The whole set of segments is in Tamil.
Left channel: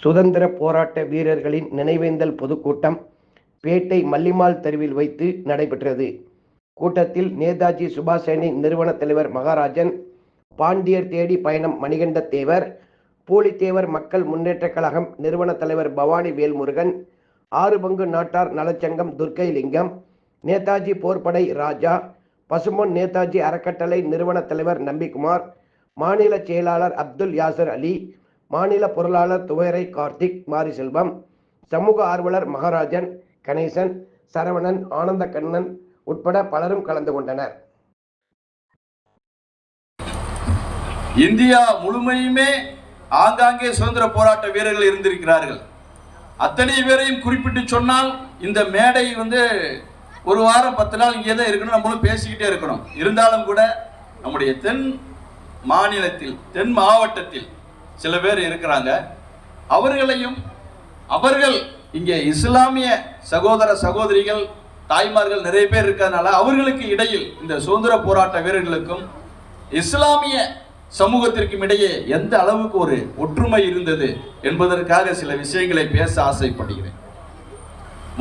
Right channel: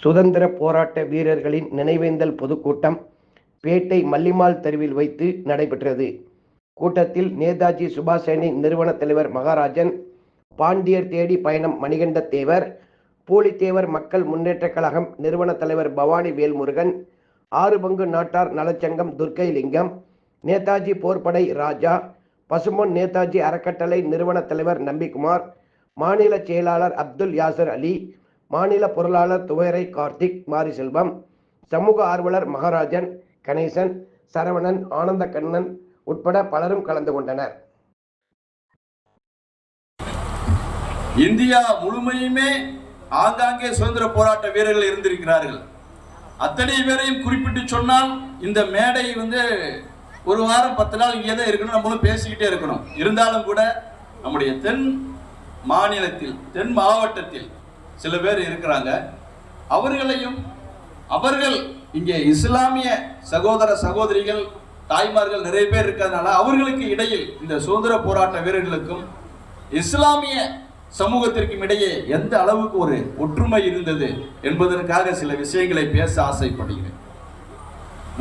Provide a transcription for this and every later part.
சுதந்திர போராட்ட வீரர்களின் நினைவேந்தல் பொதுக்கூட்டம் பேட்டை மல்லிமால் தெருவில் வைத்து நடைபெற்றது. கூட்டத்தில் நேதாஜி சுபாஷேனி நிறுவன தலைவர் மகாராஜன் பாண்டியர் தேடி பயணம் மணிகண்ட தேவர் பூலித்தேவர் மக்கள் முன்னேற்ற கழகம் நிறுவன தலைவர் பவானி வேல்முருகன் ஆறு பங்கு நாட்டார் நலச்சங்கம் துர்க்கை லிங்கம் நேதாஜி போர்ப்படை ராஜா பசுமொன் நேதாஜி அறக்கட்டளை நிறுவன தலைவர் நம்பிக்குமார் மாநில செயலாளர் அப்துல் யாசர் அலி மாநில பொருளாளர் துவரை கார்த்திக் மாரிசெல்வம் சமூக ஆர்வலர் மகாராஜன் கணேசன் சரவணன் ஆனந்த கண்ணன் உட்பட பலரும் கலந்து கொண்டனர். இந்தியா முழுமையுமே ஆங்காங்கே சுதந்திர போராட்ட வீரர்கள் இருந்திருக்கிறார்கள். அத்தனை பேரையும் குறிப்பிட்டு சொன்னால் இந்த மேடை வந்து ஒரு வாரம் பத்து நாள் இங்கே தான் இருக்கணும் நம்மளும் பேசிக்கிட்டே இருக்கணும். இருந்தாலும் கூட நம்முடைய தென் மாநிலத்தில் தென் மாவட்டத்தில் சில பேர் இருக்கிறாங்க. அவர்களையும் அவர்கள் இங்கே இஸ்லாமிய சகோதர சகோதரிகள் தாய்மார்கள் நிறைய பேர் இருக்கிறதுனால அவர்களுக்கு இடையில் இந்த சுதந்திர போராட்ட வீரர்களுக்கும் இஸ்லாமிய சமூகத்திற்கும் இடையே எந்த அளவுக்கு ஒரு ஒற்றுமை இருந்தது என்பதற்காக சில விஷயங்களை பேச ஆசைப்படுகிறேன்.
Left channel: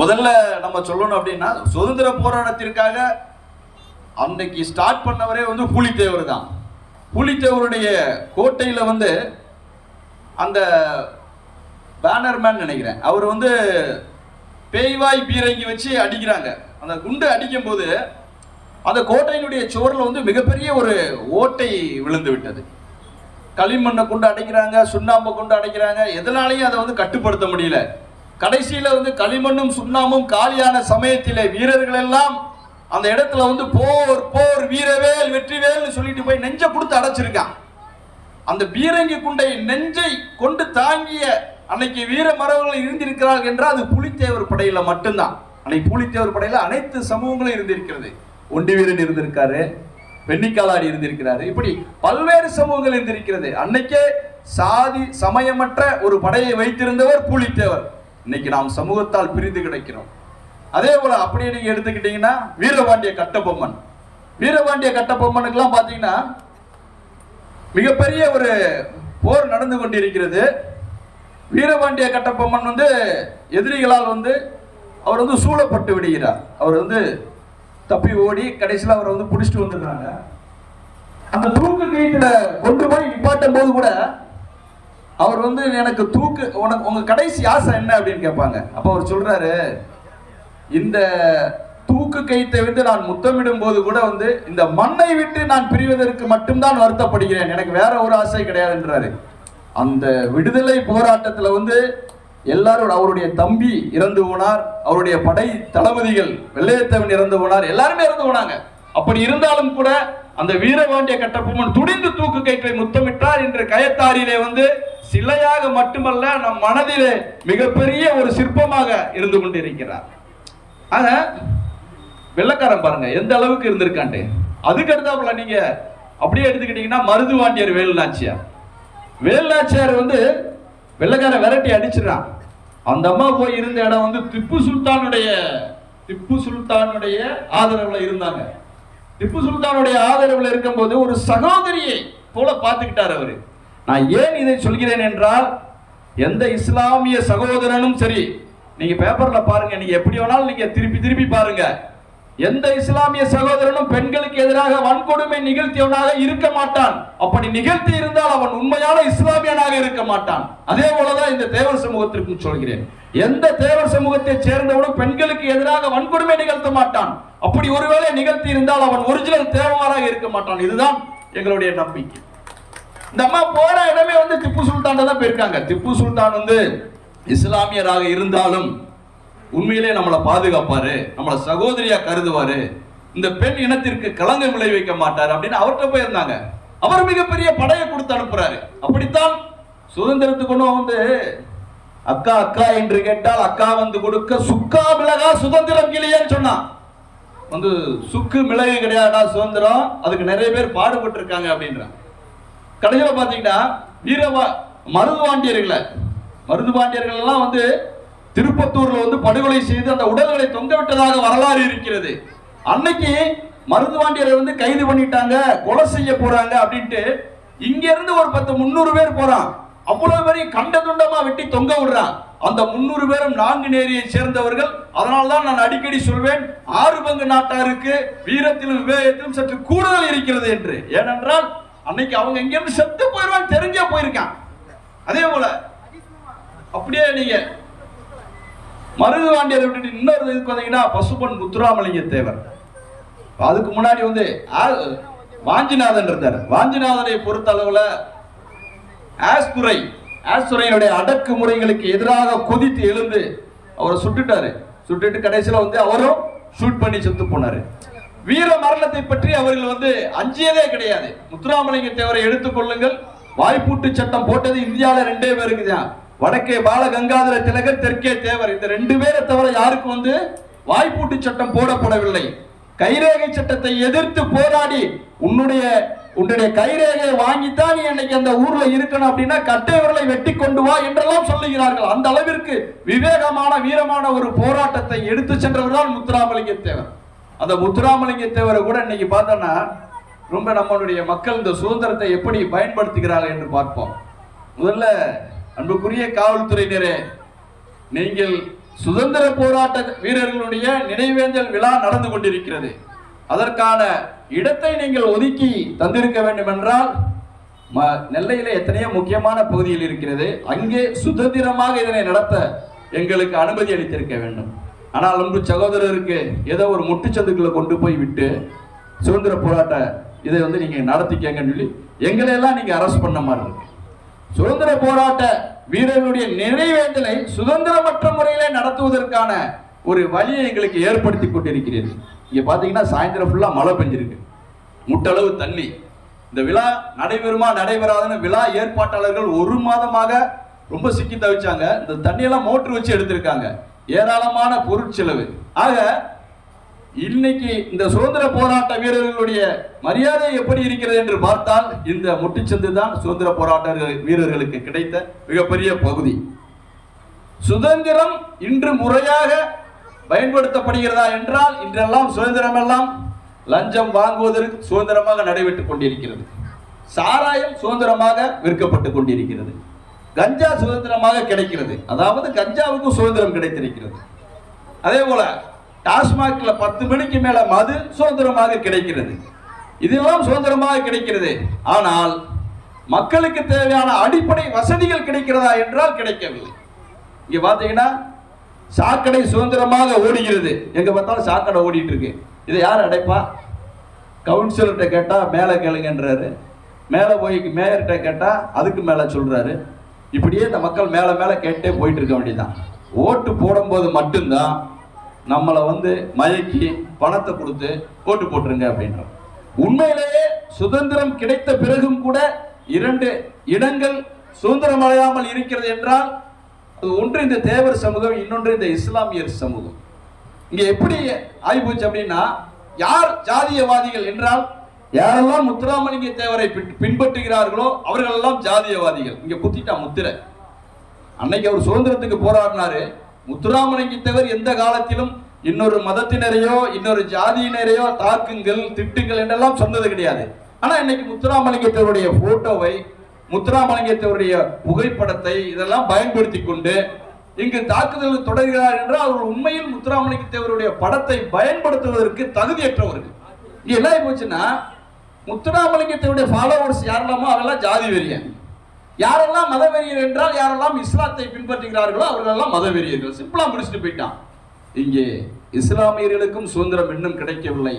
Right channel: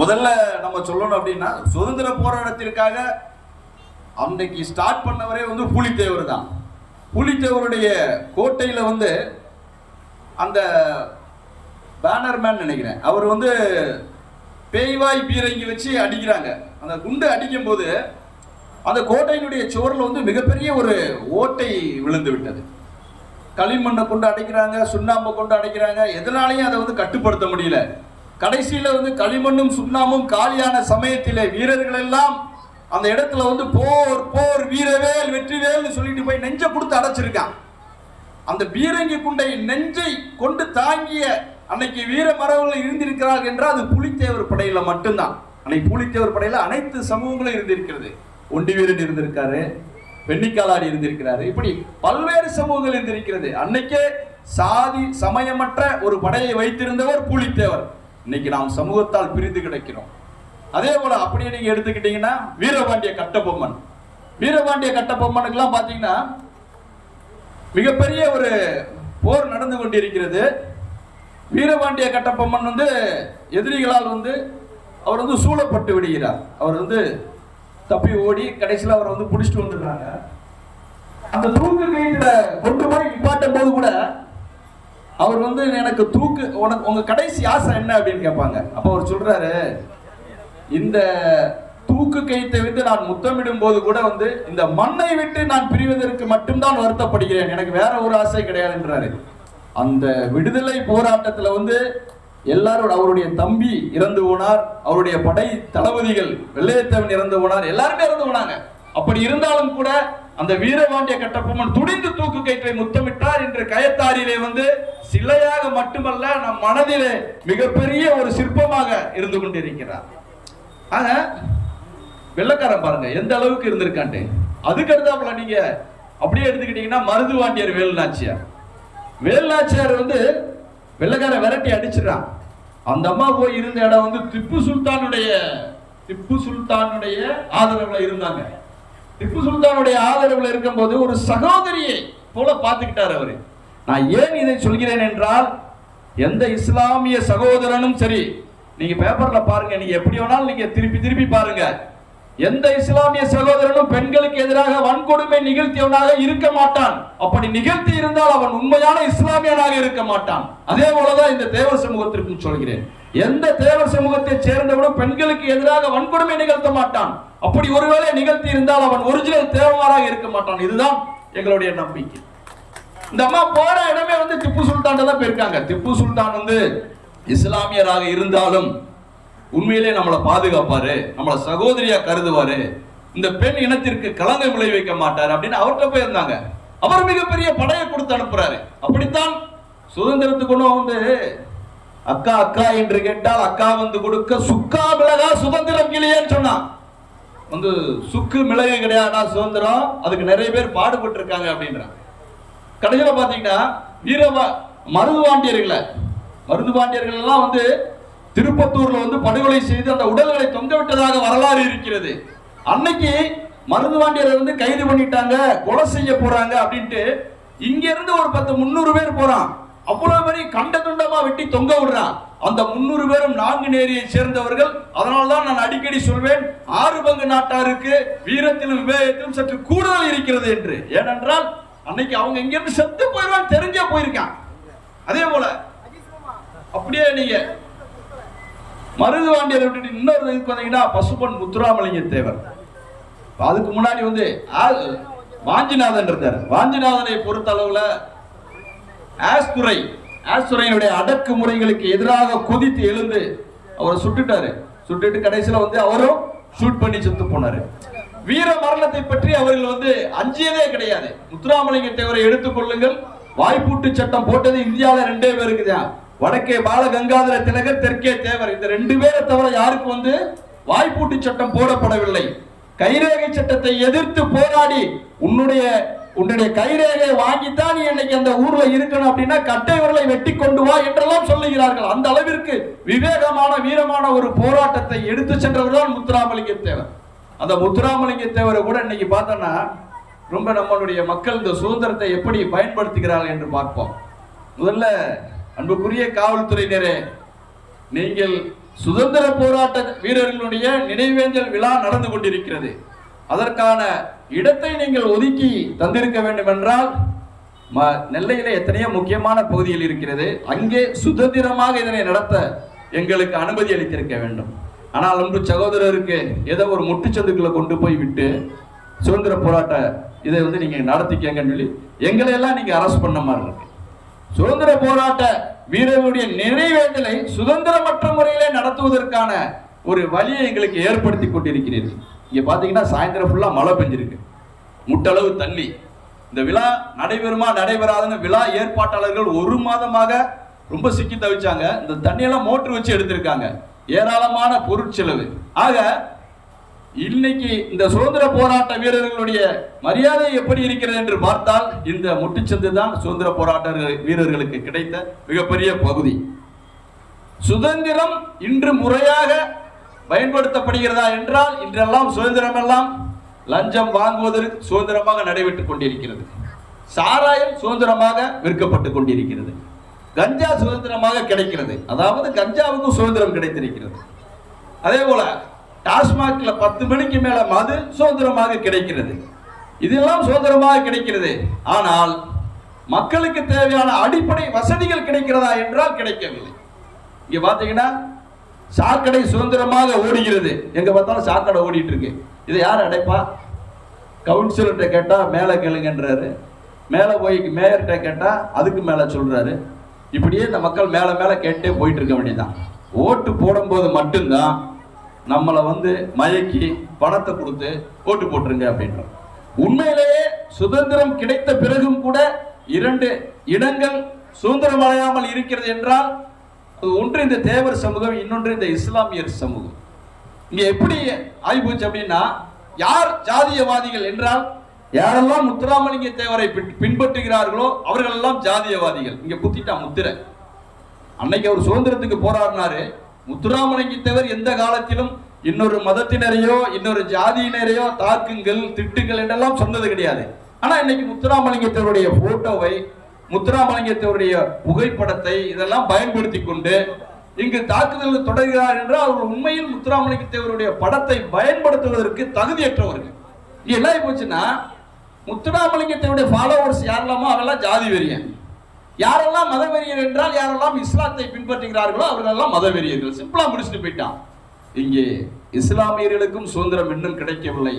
முதல்ல நம்ம சொல்லணும் அப்படின்னா சுதந்திர போராட்டத்திற்காக அன்னைக்கு ஸ்டார்ட் பண்ணவரே வந்து புலித்தேவர் தான். புலித்தேவருடைய கோட்டையில் வந்து அந்த பேனர்மேன் நினைக்கிறேன். அவர் வந்து பேய்வாய் பீரங்கி வச்சு அடிக்கிறாங்க. அந்த குண்டு அடிக்கும்போது அந்த கோட்டையினுடைய சுவரில் வந்து மிகப்பெரிய ஒரு ஓட்டை விழுந்து விட்டது. களிமண்ணை கொண்டு அடைக்கிறாங்க சுண்ணாம்பை கொண்டு அடைக்கிறாங்க. எதனாலையும் அதை வந்து கட்டுப்படுத்த முடியல. கடைசியில் வந்து களிமண்ணும் சுண்ணாமும் காலியான சமயத்தில் வீரர்கள் எல்லாம் அந்த இடத்துல வந்து போர் போர் வீரவேல் வெற்றிவேல்னு சொல்லிட்டு போய் நெஞ்சை கொடுத்து அடைச்சிருக்கான் அந்த பீரங்கி குண்டை நெஞ்சை கொண்டு தாங்கிய அன்னைக்கு வீர மரபுகள் இருந்திருக்கிறார்கள் என்றால் அது புலித்தேவர் படையில் மட்டும்தான். அன்னைக்கு புலித்தேவர் படையில் அனைத்து சமூகங்களும் இருந்திருக்கிறது. ஒண்டி வீரன் இருந்திருக்காரு வெண்ணிக்காலாடி இருந்திருக்கிறாரு இப்படி பல்வேறு சமூகங்கள் இருந்திருக்கிறது. அன்னைக்கே சாதி சமயமற்ற ஒரு படையை வைத்திருந்தவர் புலித்தேவர். இன்னைக்கு நாம் சமூகத்தால் பிரிந்து கிடைக்கிறோம். அதே போல அப்படியே நீங்க எடுத்துக்கிட்டீங்கன்னா வீரபாண்டிய கட்டபொம்மன். வீரபாண்டிய கட்டபொம்மனுக்கெல்லாம் பாத்தீங்கன்னா மிகப்பெரிய ஒரு போர் நடந்து கொண்டிருக்கிறது. வீரபாண்டிய கட்டப்பம்மன் வந்து எதிரிகளால் வந்து அவர் வந்து சூழப்பட்டு விடுகிறார். அவர் வந்து தப்பி ஓடி கடைசியில் அவரை வந்து பிடிச்சிட்டு வந்துடுறாங்க. அந்த தூக்கு கயிற்றுல கொண்டு போய் நிப்பாட்டும் போது கூட அவர் வந்து எனக்கு தூக்கு உனக்கு உங்கள் கடைசி ஆசை என்ன அப்படின்னு கேட்பாங்க. அப்போ அவர் சொல்கிறாரு இந்த தூக்கு கைத்தை விட்டு நான் முத்தமிடும் போது கூட வந்து இந்த மண்ணை விட்டு நான் பிரிவதற்கு மட்டும்தான் வருத்தப்படுகிறேன். எனக்கு வேற ஒரு ஆசை கிடையாதுன்றாரு அந்த விடுதலை போராட்டத்தில் வந்து எல்லாரும் அவருடைய தம்பி இறந்து போனார் அவருடைய படை தளபதிகள் வெள்ளையத்தவன் இறந்து போனார் எல்லாருமே இறந்து போனாங்க. அப்படி இருந்தாலும் கூட அந்த வீரபாண்டிய கட்டபொம்மன் துடிந்து தூக்கு கயிற்றை முத்தமிட்டார் என்று கயத்தாரியிலே வந்து சிலையாக மட்டுமல்ல நம் மனதிலே மிகப்பெரிய ஒரு சிற்பமாக இருந்து கொண்டிருக்கிறார். ஆக வெள்ளக்காரன் பாருங்க எந்த அளவுக்கு இருந்திருக்கான்ட்டு. அதுக்கு அடுத்தாப்புல நீங்க அப்படியே எடுத்துக்கிட்டீங்கன்னா மருதுவாண்டியர் வேலுநாச்சியார் வேலுநாச்சியார் வந்து வெள்ளக்காரன் விரட்டி அடிச்சிடறான். அந்த அம்மா போய் இருந்த இடம் வந்து திப்பு சுல்தானுடைய திப்பு சுல்தானுடைய ஆதரவுல இருந்தாங்க. திப்பு சுல்தானுடைய ஆதரவுல இருக்கும்போது ஒரு சகோதரியை போல பார்த்துக்கிட்டார் அவரு. நான் ஏன் இதை சொல்கிறேன் என்றால் எந்த இஸ்லாமிய சகோதரனும் சரி நீங்க பேப்பர்ல பாருங்க நீங்க எப்படி வேணாலும் நீங்க திருப்பி திருப்பி பாருங்க. எந்த இஸ்லாமிய சகோதரனும் பெண்களுக்கு எதிராக வன்கொடுமை நிகழ்த்தியவனாக இருக்க மாட்டான். அப்படி நிகழ்த்தி இருந்தால் அவன் உண்மையான இஸ்லாமியனாக இருக்க மாட்டான். அதே போலதான் இந்த தேவர் சமூகத்திற்கும் சொல்கிறேன். எந்த தேவர் சமூகத்தை சேர்ந்தவனும் பெண்களுக்கு எதிராக வன்கொடுமை நிகழ்த்த மாட்டான். அப்படி ஒருவேளை நிகழ்த்தி இருந்தால் அவன் ஒரிஜினல் தேவமாராக இருக்க மாட்டான். இதுதான் எங்களுடைய நம்பிக்கை. இந்த அம்மா போற இடமே வந்து திப்பு சுல்தான் தான் போயிருக்காங்க. திப்பு சுல்தான் வந்து இஸ்லாமியராக இருந்தாலும் உண்மையிலே நம்மளை பாதுகாப்பாரு நம்மளை சகோதரியா கருதுவாரு. இந்த பெண் இனத்திற்கு களங்கம் விளைவிக்க மாட்டார் அப்படின்னு அவர்கிட்ட போயிருந்தாங்க அவர் மிகப்பெரிய படையை கொடுத்து அனுப்புறாரு. அப்படித்தான் சுதந்திரத்துக்கு ஒன்றும் வந்து அக்கா அக்கா என்று கேட்டால் அக்கா வந்து கொடுக்க சுக்கா மிளகா சுதந்திரம் கிளியேன்னு சொன்னான். வந்து சுக்கு மிளகு கிடையாதா சுதந்திரம். அதுக்கு நிறைய பேர் பாடுபட்டு இருக்காங்க அப்படின்றாங்க கடைசியில் பார்த்தீங்கன்னா வீரவா மருதுவாண்டியர்களை மருதுவாண்டியர்கள் எல்லாம் வந்து திருப்பத்தூர்ல வந்து படுகொலை செய்து அந்த உடல்களை தொங்க விட்டதாக வரலாறு இருக்கிறது. அன்னைக்கு மருதுவாண்டியரை வந்து கைது பண்ணிட்டாங்க கொலை செய்ய போறாங்க அப்படின்ட்டு இங்க இருந்து ஒரு பத்து முந்நூறு பேர் போறான். அவ்வளவு பெரிய கண்ட துண்டமா வெட்டி தொங்க விடுறான். அந்த முன்னூறு பேரும் நாங்குநேரியை சேர்ந்தவர்கள். அதனால்தான் நான் அடிக்கடி சொல்வேன் ஆறு பங்கு நாட்டாருக்கு வீரத்திலும் விவேகத்திலும் சற்று கூடுதல் இருக்கிறது என்று. ஏனென்றால் அன்னைக்கு அவங்க இங்கிருந்து செத்து போயிடுவான் தெரிஞ்சே போயிருக்கான். அதே போல அப்படியே நீங்க மருதுவாண்டியர் விட்டுட்டு இன்னொரு இதுக்கு வந்தீங்கன்னா பசுபன் முத்துராமலிங்க தேவர். அதுக்கு முன்னாடி வந்து ஆ- வாஞ்சிநாதன் இருந்தார். வாஞ்சிநாதனை பொறுத்த அளவுல ஆஸ்துரை ஆஸ்துரையினுடைய அடக்குமுறைகளுக்கு எதிராக கொதித்து எழுந்து அவரை சுட்டுட்டாரு. சுட்டுட்டு கடைசியில வந்து அவரும் ஷூட் பண்ணி செத்து போனாரு. வீர மரணத்தை பற்றி அவர்கள் வந்து அஞ்சியதே கிடையாது. முத்துராமலிங்க தேவரை எடுத்துக்கொள்ளுங்கள் வாய்ப்பூட்டு சட்டம் போட்டது இந்தியாவில் ரெண்டே பேருக்கு தான் வடக்கே பால கங்காதர திலகர் தெற்கே தேவர். இந்த ரெண்டு பேரை தவிர யாருக்கு வந்து வாய்ப்பூட்டு சட்டம் போடப்படவில்லை. கைரேகை சட்டத்தை எதிர்த்து போராடி உன்னுடைய உன்னுடைய கைரேகையை வாங்கித்தான் நீ இன்னைக்கு அந்த ஊர்ல இருக்கணும் அப்படின்னா கட்டை விரலை வெட்டி கொண்டு வா என்றெல்லாம் சொல்லுகிறார்கள். அந்த அளவிற்கு விவேகமான வீரமான ஒரு போராட்டத்தை எடுத்து சென்றவர் தான் முத்துராமலிங்க தேவர். அந்த முத்துராமலிங்க தேவரை கூட இன்னைக்கு பார்த்தோன்னா ரொம்ப நம்மளுடைய மக்கள் இந்த சுதந்திரத்தை எப்படி பயன்படுத்துகிறார்கள் என்று பார்ப்போம். முதல்ல அன்புக்குரிய காவல்துறையினரே நீங்கள் சுதந்திர போராட்ட வீரர்களுடைய நினைவேந்தல் விழா நடந்து கொண்டிருக்கிறது. அதற்கான இடத்தை நீங்கள் ஒதுக்கி தந்திருக்க வேண்டும் என்றால் ம எத்தனையோ முக்கியமான பகுதியில் இருக்கிறது. அங்கே சுதந்திரமாக இதனை நடத்த எங்களுக்கு அனுமதி அளித்திருக்க வேண்டும். ஆனால் அன்பு சகோதரருக்கு ஏதோ ஒரு முட்டுச்சந்துக்களை கொண்டு போய் விட்டு சுதந்திர போராட்ட இதை வந்து நீங்கள் நடத்திக்கங்கன்னு சொல்லி எங்களை எல்லாம் நீங்க அரெஸ்ட் பண்ண மாதிரி இருக்கு. சுதந்திர போராட்ட வீரர்களுடைய நினைவேந்தலை சுதந்திரமற்ற முறையிலே நடத்துவதற்கான ஒரு வழியை எங்களுக்கு ஏற்படுத்தி கொண்டிருக்கிறீர்கள். இங்கே பார்த்தீங்கன்னா சாயந்தரம் ஃபுல்லாக மழை பெஞ்சிருக்கு. முட்டளவு தண்ணி இந்த விழா நடைபெறுமா நடைபெறாதுன்னு விழா ஏற்பாட்டாளர்கள் ஒரு மாதமாக ரொம்ப சிக்கி தவிச்சாங்க. இந்த தண்ணியெல்லாம் மோட்டர் வச்சு எடுத்திருக்காங்க. ஏராளமான பொருட்செலவு. ஆக இன்னைக்கு இந்த சுதந்திர போராட்ட வீரர்களுடைய மரியாதை எப்படி இருக்கிறது என்று பார்த்தால் இந்த முட்டுச்சந்து தான் சுதந்திர போராட்ட வீரர்களுக்கு கிடைத்த மிகப்பெரிய பகுதி. சுதந்திரம் இன்று முறையாக பயன்படுத்தப்படுகிறதா என்றால் இன்றெல்லாம் சுதந்திரம் எல்லாம் லஞ்சம் வாங்குவதற்கு சுதந்திரமாக நடைபெற்றுக் கொண்டிருக்கிறது. சாராயம் சுதந்திரமாக விற்கப்பட்டு கொண்டிருக்கிறது. கஞ்சா சுதந்திரமாக கிடைக்கிறது. அதாவது கஞ்சாவுக்கும் சுதந்திரம் கிடைத்திருக்கிறது. அதே போல டாஸ்மாக்ல பத்து மணிக்கு மேல மது சுதந்திரமாக கிடைக்கிறது. இதெல்லாம் சுதந்திரமாக கிடைக்கிறது. ஆனால் மக்களுக்கு தேவையான அடிப்படை வசதிகள் கிடைக்கிறதா என்றால் கிடைக்கவில்லை. இங்க பாத்தீங்கன்னா சாக்கடை சுதந்திரமாக ஓடுகிறது. எங்க பார்த்தாலும் சாக்கடை ஓடிட்டு இருக்கு இதை யார் அடைப்பா? கவுன்சிலர்கிட்ட கேட்டால் மேலே கேளுங்கன்றாரு. மேலே போய் மேயர்கிட்ட கேட்டால் அதுக்கு மேலே சொல்கிறாரு இப்படியே இந்த மக்கள் மேலே மேலே கேட்டே போயிட்டு இருக்க வேண்டியதான் ஓட்டு போடும்போது மட்டும்தான் நம்மளை வந்து மயக்கி பணத்தை கொடுத்து ஓட்டு போட்டுருங்க அப்படின்றான். உண்மையிலேயே சுதந்திரம் கிடைத்த பிறகும் கூட இரண்டு இடங்கள் சுதந்திரம் அடையாமல் இருக்கிறது என்றால் அது ஒன்று இந்த தேவர் சமூகம் இன்னொன்று இந்த இஸ்லாமியர் சமூகம். இங்கே எப்படி ஆகிப்போச்சு அப்படின்னா யார் ஜாதியவாதிகள் என்றால் யாரெல்லாம் முத்துராமலிங்க தேவரை பின்- பின்பற்றுகிறார்களோ அவர்களெல்லாம் ஜாதியவாதிகள். இங்கே குத்திட்டா முத்திரை. அன்னைக்கு அவர் சுதந்திரத்துக்கு போராடினாரு முத்துராமலிங்க தேவர் எந்த காலத்திலும் இன்னொரு மதத்தினரையோ இன்னொரு ஜாதியினரையோ தாக்குங்கள் திட்டுங்கள் என்றெல்லாம் சொன்னது கிடையாது. ஆனால் இன்னைக்கு முத்துராமலிங்கத்தவருடைய போட்டோவை முத்துராமலிங்கத்தவருடைய புகைப்படத்தை இதெல்லாம் பயன்படுத்தி கொண்டு இங்கு தாக்குதல் தொடர்கிறார் என்றால் அவர்கள் உண்மையில் முத்துராமலிங்கத்தேவருடைய படத்தை பயன்படுத்துவதற்கு தகுதியற்றவர்கள் இங்கே என்ன ஆகி போச்சுன்னா முத்துராமலிங்கத்தேவருடைய ஃபாலோவர்ஸ் யாரெல்லாமோ அவெல்லாம் ஜாதி வெறியன். யாரெல்லாம் மதவெறியர் என்றால் யாரெல்லாம் இஸ்லாத்தை பின்பற்றுகிறார்களோ அவர்களெல்லாம் மதவெறியர்கள். சிம்பிளாக முடிச்சுட்டு போயிட்டான். இங்கே இஸ்லாமியர்களுக்கும் சுதந்திரம் இன்னும் கிடைக்கவில்லை.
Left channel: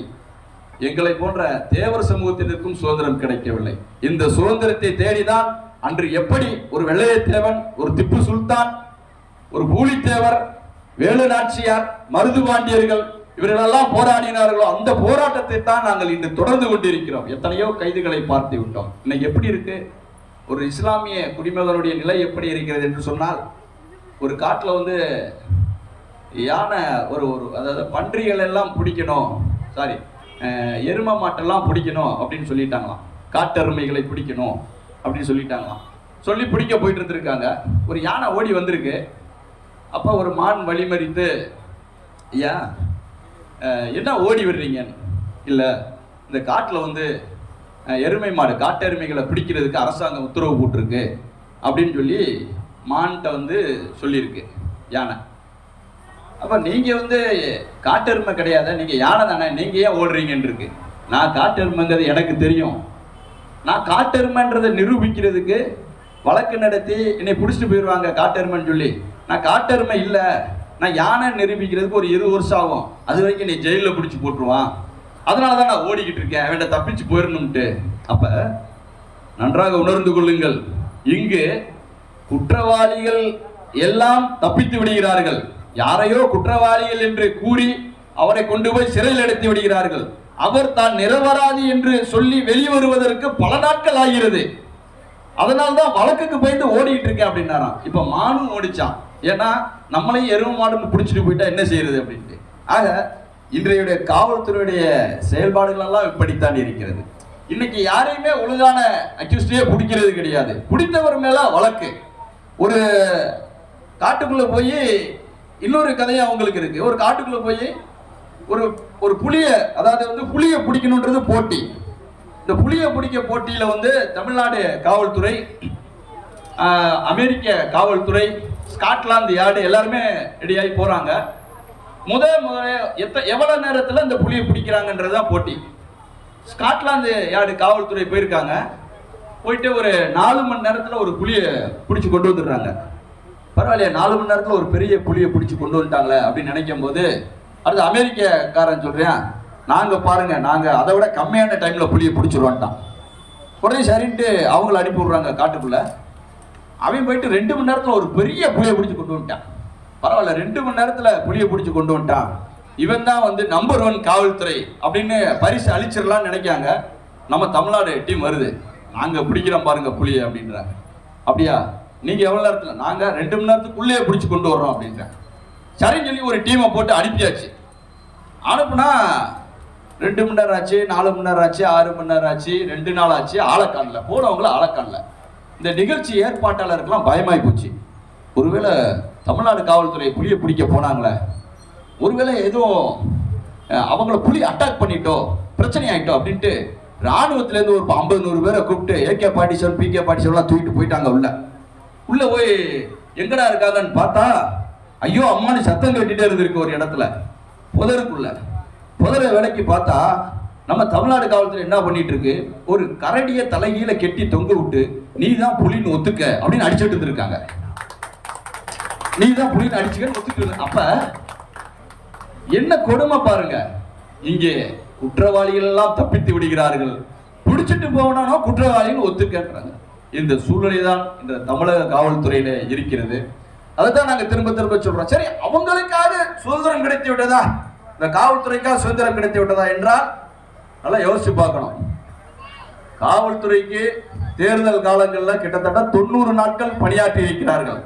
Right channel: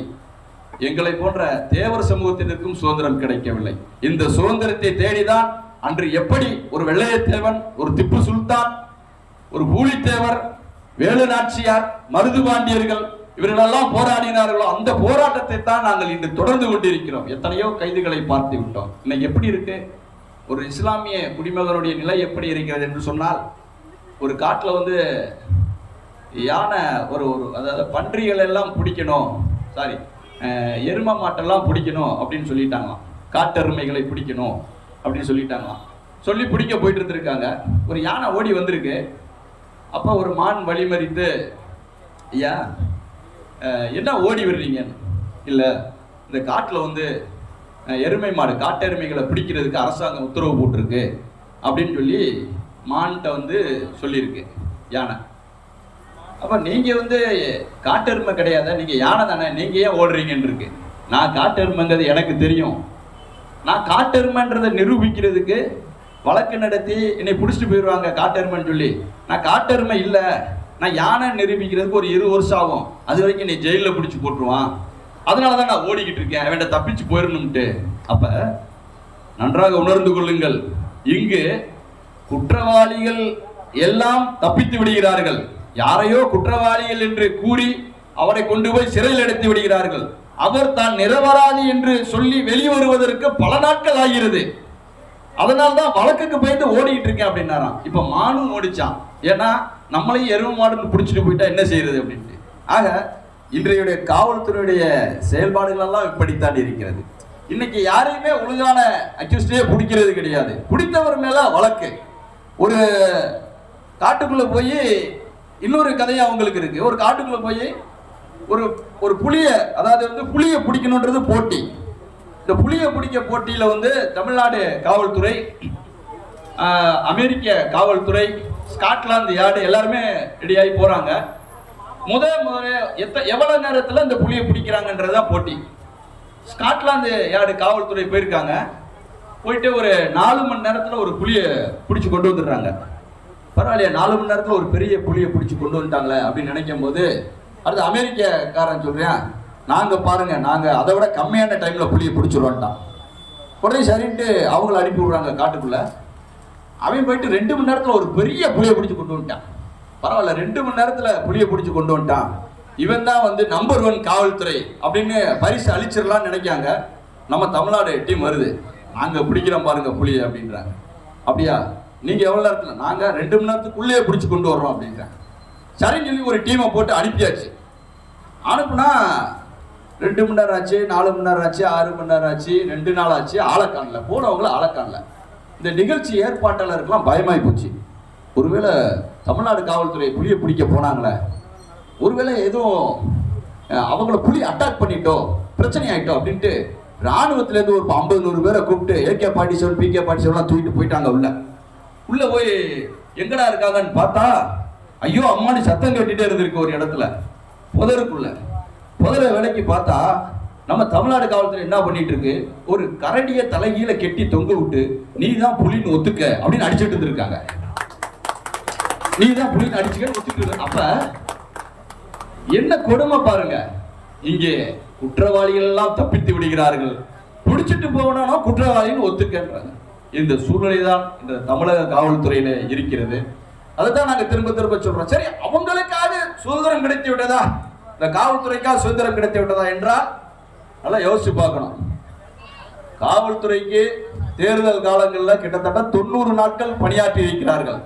எங்களை போன்ற தேவர் சமூகத்தினருக்கும் சுதந்திரம் கிடைக்கவில்லை. இந்த சுதந்திரத்தை தேடிதான் அன்று எப்படி ஒரு வெள்ளையத்தேவன் ஒரு திப்பு சுல்தான் ஒரு பூலித்தேவர் வேலு நாச்சியார் மருதுபாண்டியர்கள் இவர்களெல்லாம் போராடினார்களோ அந்த போராட்டத்தை தான் நாங்கள் இன்று தொடர்ந்து கொண்டிருக்கிறோம். எத்தனையோ கைதுகளை பார்த்து விட்டோம். இன்னைக்கு எப்படி இருக்கு? ஒரு இஸ்லாமிய குடிமகனுடைய நிலை எப்படி இருக்கிறது என்று சொன்னால் ஒரு காட்டில் வந்து யானை ஒரு ஒரு அதாவது பன்றிகள் எல்லாம் பிடிக்கணும் சாரி எரும மாட்டெல்லாம் பிடிக்கணும் அப்படின்னு சொல்லிட்டாங்களாம். காட்டெருமைகளை பிடிக்கணும் அப்படின்னு சொல்லிட்டாங்களாம். சொல்லி பிடிக்க போயிட்டு இருந்திருக்காங்க. ஒரு யானை ஓடி வந்திருக்கு. அப்போ ஒரு மான் வழிமறித்து ஐயா என்ன ஓடி வர்றீங்கன்னு? இல்லை இந்த காட்டில் வந்து எருமை மாடு காட்டெருமைகளை பிடிக்கிறதுக்கு அரசாங்கம் உத்தரவு போட்டிருக்கு அப்படின்னு சொல்லி மான்கிட்ட வந்து சொல்லியிருக்கு யானை. அப்போ நீங்கள் வந்து காட்டெருமை கிடையாத? நீங்கள் யானை தானே நீங்கள் ஏன் ஓடுறீங்கன்னு இருக்கு நான் காட்டெருமைங்கிறது எனக்கு தெரியும். நான் காட்டெருமைன்றதை நிரூபிக்கிறதுக்கு வழக்கு நடத்தி என்னை பிடிச்சிட்டு போயிடுவாங்க காட்டெருமைன்னு சொல்லி. நான் காட்டெருமை இல்லை. நான் யானை நிரூபிக்கிறதுக்கு ஒரு இரு வருஷம் ஆகும். அது வரைக்கும் என்னை ஜெயிலில் பிடிச்சி போட்டுருவான். அதனால தான் நான் ஓடிக்கிட்டு இருக்கேன். வேண்ட தப்பிச்சு போயிடணும்ட்டு அப்போ நன்றாக உணர்ந்து கொள்ளுங்கள். இங்கு குற்றவாளிகள் எல்லாம் தப்பித்து விடுகிறார்கள். யாரையோ குற்றவாளிகள் என்று கூறி அவரை கொண்டு போய் சிறையில் எடுத்து விடுகிறார்கள். அவர் தான் நிரபராதி என்று சொல்லி வெளிவருவதற்கு பல நாட்கள் ஆகிறது. அதனால தான் வழக்குக்கு பயந்து ஓடிக்கிட்டு இருக்கேன் அப்படின்னாராம். இப்போ மானும் ஓடிச்சான். ஏன்னா நம்மளையும் எரும மாடுன்னு பிடிச்சிட்டு போயிட்டா என்ன செய்யறது அப்படின்ட்டு. ஆக இன்றைய காவல்துறையுடைய செயல்பாடுகளெல்லாம் இப்படித்தான் இருக்கிறது. இன்னைக்கு யாரையுமே ஒழுங்கான அக்யூஸ்டே பிடிக்கிறது கிடையாது. பிடித்தவர் மேலே வழக்கு. ஒரு காட்டுக்குள்ளே போய் இன்னொரு கதையும் அவங்களுக்கு இருக்குது ஒரு காட்டுக்குள்ளே போய் ஒரு ஒரு புளியை அதாவது வந்து புளியை பிடிக்கணுன்றது போட்டி. இந்த புளியை பிடிக்க போட்டியில் வந்து தமிழ்நாடு காவல்துறை அமெரிக்க காவல்துறை ஸ்காட்லாந்து யார்டு எல்லாருமே ரெடியாகி போகிறாங்க முத முதல்ல எத்த எவ்வளவு நேரத்தில் இந்த புளியை பிடிக்கிறாங்கன்றது தான் போட்டி. ஸ்காட்லாந்து யார்டு காவல்துறை போயிருக்காங்க. போயிட்டு ஒரு நாலு மணி நேரத்தில் ஒரு புளியை பிடிச்சி கொண்டு வந்துடுறாங்க. பரவாயில்லையா நாலு மணி நேரத்தில் ஒரு பெரிய புளியை பிடிச்சி கொண்டு வந்துட்டாங்களே அப்படின்னு நினைக்கும் போது அடுத்து அமெரிக்கக்காரன் சொல்கிறேன் நாங்கள் பாருங்கள் நாங்கள் அதை விட கம்மியான டைமில் புளியை பிடிச்சிருவோன்ட்டான் உடனே சரின்ட்டு அவங்கள அனுப்பி விட்றாங்க காட்டுக்குள்ளே. அவன் போயிட்டு ரெண்டு மணி நேரத்தில் ஒரு பெரிய புளியை பிடிச்சி கொண்டு வந்துட்டான். பரவாயில்ல ரெண்டு மணி நேரத்தில் புளியை பிடிச்சி கொண்டு வந்துட்டான். இவன் தான் வந்து நம்பர் ஒன் காவல்துறை அப்படின்னு பரிசு அழிச்சிடலாம்னு நினைக்காங்க நம்ம தமிழ்நாடு டீம் வருது. நாங்கள் பிடிக்கிறோம் பாருங்க புளியை அப்படின்றாங்க. அப்படியா? நீங்கள் எவ்வளோ நேரத்தில்? நாங்கள் ரெண்டு மணி நேரத்துக்குள்ளேயே பிடிச்சி கொண்டு வர்றோம் அப்படின்றாங்க. சரின்னு சொல்லி ஒரு டீமை போட்டு அனுப்பியாச்சு. அனுப்புனா ரெண்டு மணி நேரம் ஆச்சு நாலு மணி நேரம் ஆச்சு ஆறு மணி நேரம் ஆச்சு ரெண்டு நாள் ஆச்சு ஆளை போனவங்களும் போனவங்கள இந்த நிகழ்ச்சி ஏற்பாட்டாளருக்கெல்லாம் பயமாகி போச்சு. ஒருவேளை தமிழ்நாடு காவல்துறை புலியை பிடிக்க போனாங்களே. ஒருவேளை எதுவும் அவங்கள புலி அட்டாக் பண்ணிட்டோம் பிரச்சனை ஆகிட்டோம் அப்படின்ட்டு ராணுவத்திலேருந்து ஒரு ஐம்பது நூறு பேரை கூப்பிட்டு ஏகே பாட்டி செவன் பிகே பாட்டி செவன்லாம் தூக்கிட்டு போயிட்டாங்க உள்ள. உள்ள போய் எங்கடா இருக்காங்கன்னு பார்த்தா ஐயோ அம்மானு சத்தம் கட்டிட்டே இருந்திருக்கு ஒரு இடத்துல. புதருக்குள்ள. புதரை வேலைக்கு பார்த்தா நம்ம தமிழ்நாடு காவல்துறை என்ன பண்ணிட்டு இருக்கு ஒரு கரடியை தலைகீழ கெட்டி தொங்க விட்டு நீ தான் புலின்னு ஒத்துக்க அப்படின்னு அடிச்சிட்டு இருந்திருக்காங்க. நீ தான் புலின்னு அடிச்சுக்கன்னு ஒத்துக்கிட்டு அப்ப என்ன கொடுமை பாருங்க. இங்கே குற்றவாளிகள் எல்லாம் தப்பித்து விடுகிறார்கள். பிடிச்சிட்டு போனானோ குற்றவாளின்னு ஒத்துக்கன்றாங்க. இந்த சூழ்நிலை தான் இந்த தமிழக காவல்துறையில இருக்கிறது. அதை தான் நாங்க திரும்ப திரும்ப சொல்றோம். சரி அவங்களுக்காக சுதந்திரம் கிடைத்து விட்டதா? இந்த காவல்துறைக்காக சுதந்திரம் கிடைத்து விட்டதா என்றால் நல்லா யோசிச்சு பார்க்கணும். காவல்துறைக்கு தேர்தல் காலங்களில் கிட்டத்தட்ட தொண்ணூறு நாட்கள் பணியாற்றி இருக்கிறார்கள்